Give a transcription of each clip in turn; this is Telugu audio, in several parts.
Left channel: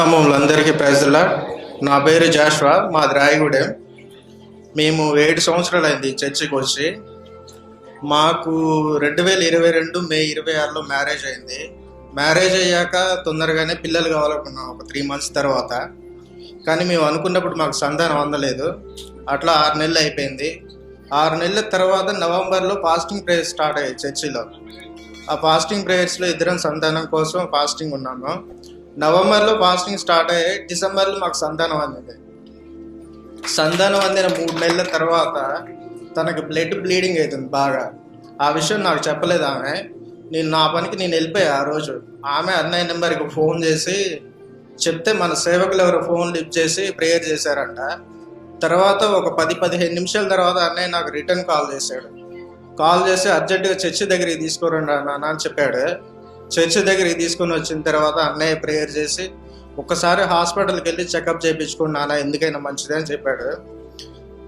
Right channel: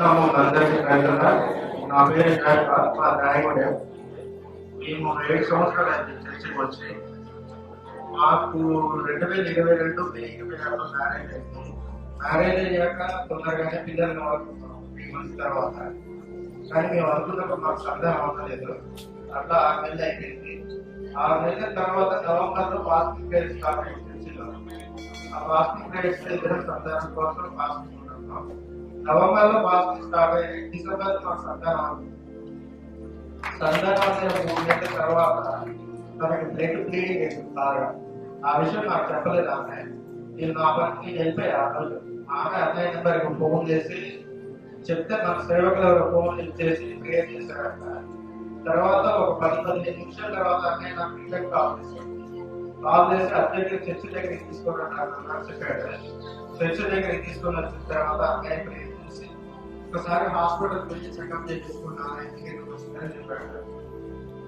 క్రీస్తునామములందరికీ ప్రైజ్లా. నా పేరు జాష్వా, మాది రాయగూడెం. మేము 7 సంవత్సరాలు అయింది చర్చికి వచ్చి. మాకు 2022 మే 26లో మ్యారేజ్ అయింది. మ్యారేజ్ అయ్యాక తొందరగానే పిల్లలు కావాలనుకున్నాం ఒక 3 మంత్స్ తర్వాత. కానీ మేము అనుకున్నప్పుడు మాకు సంతానం అందలేదు. అట్లా 6 నెలలు అయిపోయింది. 6 నెలల తర్వాత నవంబర్లో ఫాస్టింగ్ ప్రేయర్స్ స్టార్ట్ అయ్యాయి చర్చిలో. ఆ ఫాస్టింగ్ ప్రేయర్స్లో ఇద్దరం సంతానం కోసం ఫాస్టింగ్ ఉన్నాము. నవంబర్లో ఫాస్టింగ్ స్టార్ట్ అయ్యాయి. డిసెంబర్లో మాకు సంతానం అందింది. సంతానం అందిన 3 నెలల తర్వాత తనకి బ్లడ్ బ్లీడింగ్ అవుతుంది బాగా. ఆ విషయం నాకు చెప్పలేదు ఆమె. నా పనికి నేను వెళ్ళిపోయా ఆ రోజు. ఆమె అన్నయ్య నెంబర్కి ఫోన్ చేసి చెప్తే మన సేవకులు ఎవరు ఫోన్ లిఫ్ట్ చేసి ప్రేయర్ చేశారంట. తర్వాత ఒక 10-15 నిమిషాల తర్వాత అన్నయ్య నాకు రిటర్న్ కాల్ చేశాడు. కాల్ చేసి అర్జెంటుగా చర్చి దగ్గరికి తీసుకురండి నాన్న అని చెప్పాడు. చర్చి దగ్గరికి తీసుకొని వచ్చిన తర్వాత అన్నయ్య ప్రేయర్ చేసి ఒక్కసారి హాస్పిటల్కి వెళ్ళి చెకప్ చేయించుకోండి నాన్న, ఎందుకైనా మంచిది అని చెప్పాడు.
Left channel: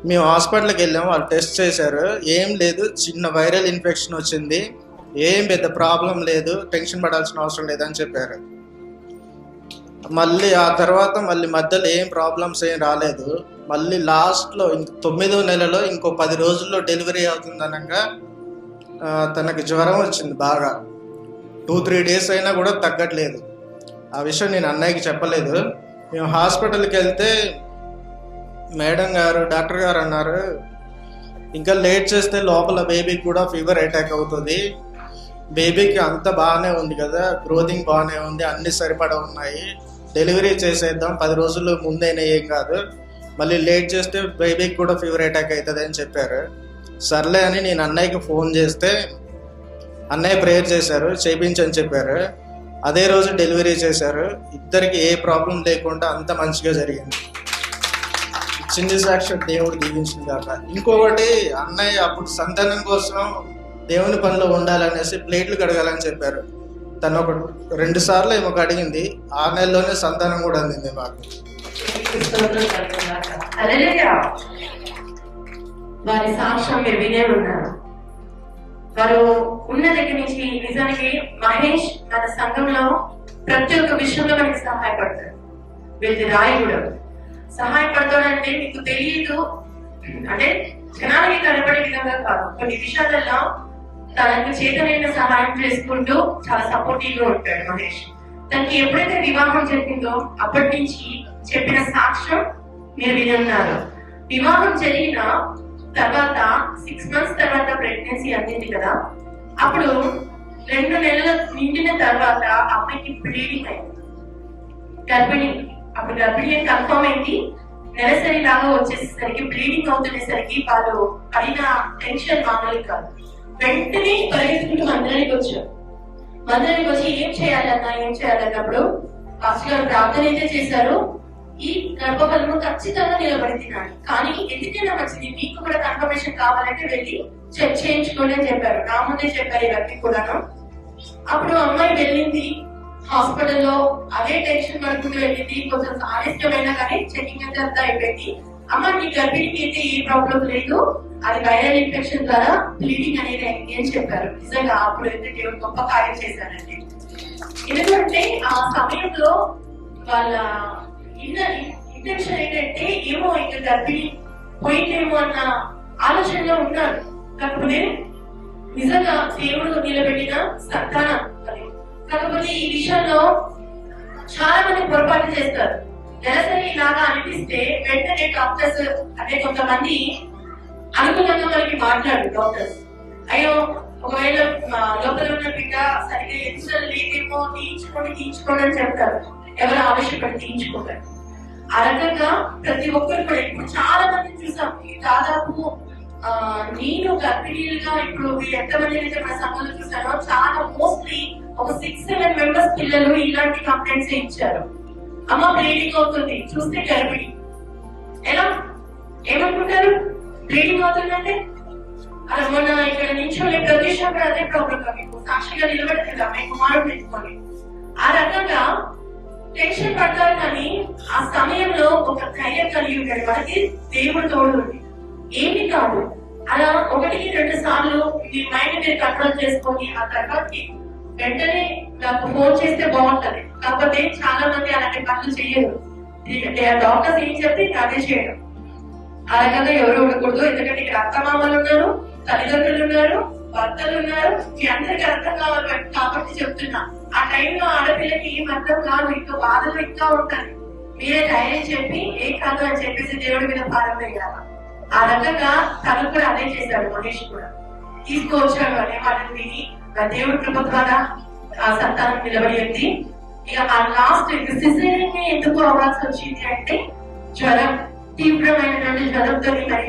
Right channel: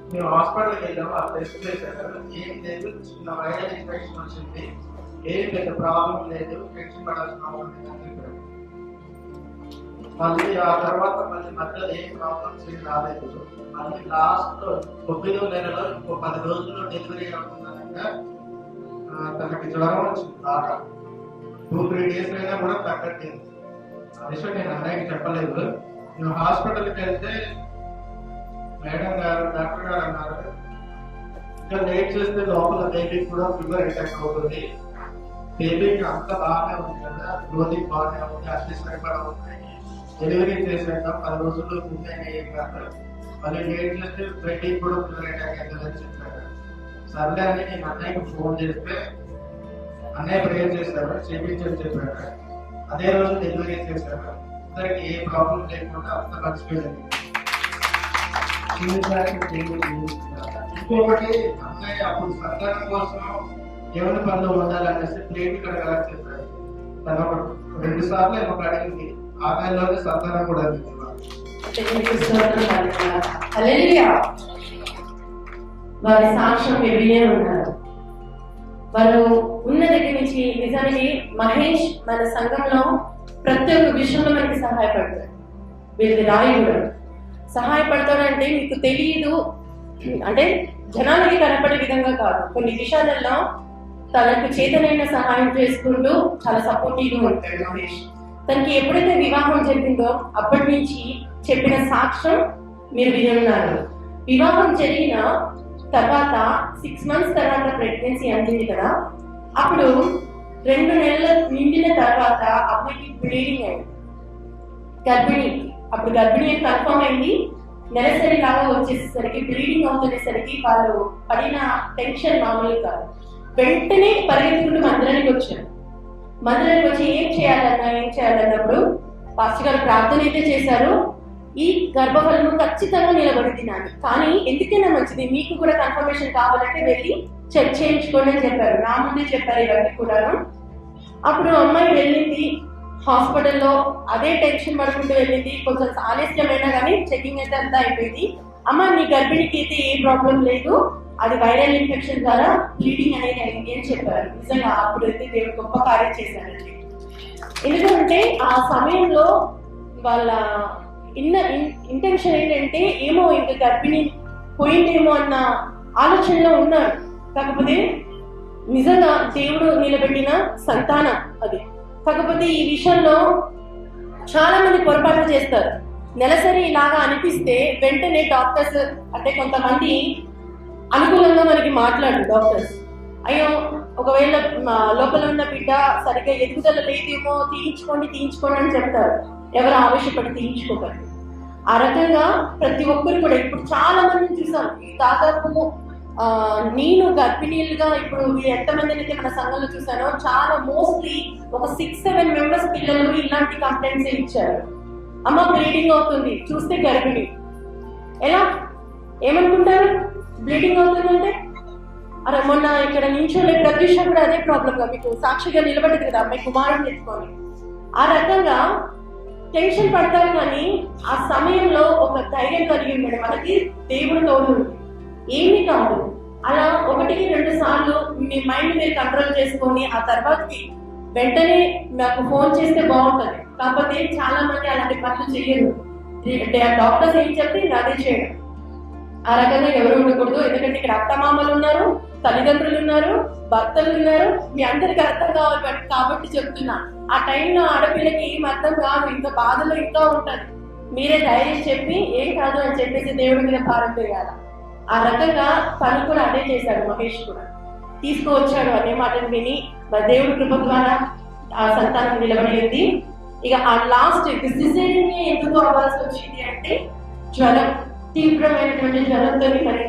మేము హాస్పిటల్కి వెళ్ళాము. వాళ్ళు టెస్ట్ చేశారు. ఏం లేదు, చిన్న వైరల్ ఇన్ఫెక్షన్ వచ్చింది, ఏం పెద్ద ప్రాబ్లం లేదు, టెన్షన్ పడాల్సిన అవసరం లేదని చెప్పారు. మళ్ళీ ఆ తర్వాత మధ్యలో ఏం ప్రాబ్లమ్స్ ఏం రాలేదు. మళ్ళీ లాస్ట్లో 9వ నెలలో ఇంకో 10 రోజుల్లో డెలివరీ అవుతుందనగా తనకి జ్వరం వచ్చింది బాగా. 2-3 డేస్ అయినా కూడా తగ్గట్లేదు. ఆ విషయం నేను అన్నయ్యకి చెప్పలేదు. మేము హాస్పిటల్కి వెళ్తే డాక్టర్ గారు అన్నారు, ఇంకా లేట్ చేస్తే లోపల బేబీకి కూడా ఫీవర్ అటాక్ అవుతుంది. బేబీకి అంత బాగానే ఉంది కదా, గ్రోతింగ్ బాగానే ఉంది, అన్ని సరిపడా ఉన్నాయి, డెలివరీ చేసేద్దాం, 10 రోజుల్లో ముందైనా ఏం కాదు, మళ్ళీ లేట్ చేస్తే బేబీకి కూడా ఫీవర్ అటాక్ అవుతుంది అని చెప్పారు. సర్లే అని నేను అన్నయ్యకి ఫోన్ చేస్తే అన్నయ్య ప్రేయర్ చేశారు, చేయించని చెప్పారు. అదే రోజు డెలివరీ చేశారు. ఇద్దరికి ఏ ప్రాబ్లం లేకుండా అంత మంచిగా జరిగింది. చిన్న సాక్షి దేవుడు దీవించింది కాక. ఇంకొకటి, అన్నయ్య అప్పుడు సంతానం కోసం దేవుని పనిలో ఉండాలనేసి ప్లేట్లు కడగాలని చెప్పారు. తను ఒక 2 సార్లు ఏమో అడిగింది. 6 నెలలోనే సంతానం కూడా అందింది మాకు. వారి సాక్ష్యం వినే ఉన్నారు. వారు ఉన్న దగ్గర నుంచి నిజానికి మహేష్ మన సంఘంలో ప్రతి ఒక్క విషయంలో మనకి సహాయపడతారు. వీళ్ళకి రాయుడు సహాయపడతాడంటే మీకు తెలియదు, అంటే జనానికి కనపడే విధంగా కాదు, కొన్ని విషయాలలో తనకు చేతనైన సహాయం చేసుకుంటూ చాలా సపోర్టివ్ గా ఉంటాడు మహేష్. తనకి ఎప్పుడైతే వివాహం జరిగిందో అప్పటి నుంచి చెప్పిన సాక్ష్యం మీరు వినున్నారు. వివాహం జరిగిన తర్వాత 6 మంత్స్ తర్వాత ప్రెగ్నెన్సీ అందింది కదా, అప్పుడు 2 నెలలు నిండిన తర్వాత అమ్మాయికి బ్లీడింగ్ అయింది, గర్భిణి. అప్పుడు గర్భిణి కన్ఫర్మ్ అయింది. నెలసరి లాగా వచ్చేసరికి బ్లీడింగ్ అవుతునేసరికి వాళ్ళు పడిన టెన్షన్ మామూలు కాదు. వెంటనే పరిగెత్తుకుంటూ మందిరానికి వచ్చి ఏం చేయాలన్నప్పుడు పాస్టర్ గారు ప్రార్థన అయితే చేశారు. ఈ గర్భఫలము ఖచ్చితంగా నిలబడి తినాలి, కానీ ఎందుకైనా మంచిది, మీకు కూడా కన్ఫర్మేషన్ కావాలంటే వెళ్ళి చెక్ చేయించుకోండి అని చెప్పారు. నా ముందే చెప్పారు ఇవన్నీ కూడాను. అప్పుడు అమ్మాయి వెళ్ళింది హాస్పిటల్లో, అదే టెన్షన్ పడుకుంటూ వెళ్ళింది. కొంచెం ఆలస్యమైనా కానీ చెకింగ్ అయితే అంతా అయిపోయింది. అమ్మ నీ గర్భిణికి అయితే ఏ ప్రాబ్లం లేదు, అది వైరల్ ఇన్ఫెక్షన్ ద్వారా బ్లీడింగ్ అనేది అయింది అని చెప్పారు. నిజంగా అప్పుడైతే దేవుడు గొప్ప కార్యం చేశారండి. ఎందుకంటే ఆ సమయంలో వాళ్ళ ఇంటెన్షన్ ఏంటంటే ఏమో ఇంకా గర్భిణి పోయిందేమో అన్న ఆలోచనలో ఉన్నారు. కాకపోతే నిజంగా దేవుడు నిలబెట్టిన సంతానం అది. కాకపోతే ఈ విషయంలో చాలా మంది పొరపాటు చేస్తారు. నెలసరి లాగా అనిపిస్తే వెంటనే డాక్టర్స్, అంటే కొంతమంది అనుకూలంగా మనకి మాట్లాడు డాక్టర్స్, అయ్యో ఒకవేళ లోపల ఉన్న బిడ్డ సరిగ్గా ఎదుగుదల లేదేమో, తీయించుకోండి అని చెప్తారు. ఎవరు ఆవేశపడి తీయించుకోవాలి. ఆ రకంగా ప్రతి ఒక్కరు కూడా ఇప్పుడు చాలా మందిని చూసాం. దాదాపు నేను గర్భిణీలుగా ఇప్పుడు ఎంతమంది అయితే మన సంఘంలో చూసానో చాలా మోస్ట్లీ ఒక 6-7 మెంబర్స్ పిల్లలు ఇలాంటి కంప్లైంట్స్ ఇచ్చారు. అమ్మ బ్లీడింగ్ అవుతుంది, చూస్తే గర్భిణి. ఎలా ఏమనుకుంటారు? బ్లీడింగ్ అవుతుందంటే అరే మొన్న ఇక్కడ నిల్చొని ప్రతి విషయం కూడా అదే ప్రాబ్లం గా మీకు సాక్షిగా నిలబడింది కదా, మీ కుమారుడు తెచ్చుకోండి. ఆ రకంగా టెన్షన్ పడతారు. కానీ ఆ సమయంలో ఒక ధైర్యం కలిగి ఉండే మనకి దేవుడు తోడు ఏమి కాదు. అలా 1-2 సార్లు మీ మైండ్ మీరు కంట్రోల్ చేసుకొని ఆ తర్వాత వెంటనే నాకు ఫోన్ చేస్తే బాగుంటది. కాకపోతే చాలా మంది అలాంటి పనులు చేయరు. డాక్టర్స్ ఏం చెప్తే అదే చేయడం. ఆ రకంగా ఎవరు ఉండకూడదు. ఎందుకంటే ఇక్కడ అత్తమామలు ఉన్నారు, తల్లిదండ్రులు ఉన్నారు, భర్తలు ఉన్నారు, మీ అందరికి అర్థం కావాలి కాబట్టి చెప్తున్నా. ఆ టైంలో ఆడపిల్లకి ఏం అర్థం కాదు, ఇంకా బాధలు ఇంకా ఉంటాయి. మీరే ధైర్యం చెప్పి ఏం కాదు అని చెప్పేసి దేవుడి మీద పారిపోయారు. ఆ రకంగా తను కూడా అదే చేశాడు. మహేష్ కూడా తీసుకువచ్చాడు అనే మాటలు విని దేవుడి కృప ద్వారా ఆ సంతానం నిలబడింది. ఇక ఆ లాస్ట్ సిజేరియన్ ఎందుకు అవ్వాల్సి వచ్చింది అంటే జ్వరం, తీవ్రమైనటువంటి జ్వరంతో, మరి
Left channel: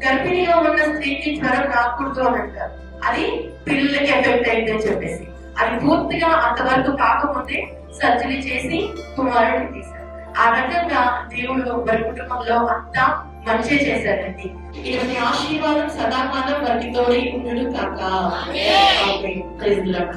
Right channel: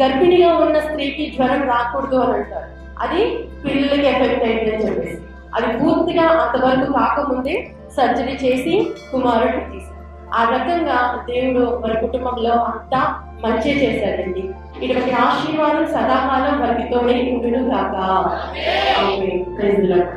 గర్భిణిగా ఉన్న స్త్రీకి జ్వరం రాకూడదు అని అంటారు. అది పిల్లలకి ఎఫెక్ట్ అయిందని చెప్పేసి అది పూర్తిగా అంతవరకు కాకముందే సర్జరీ చేసి కుమారుడిని తీశారు. ఆ రకంగా దేవుడు వారి కుటుంబంలో అంతా మంచి చేశాడండి. ఇటువంటి ఆశీర్వాదం సదాకాలం వారికి తోడై ఉండును కాక. ఆమేన్. Praise the lord.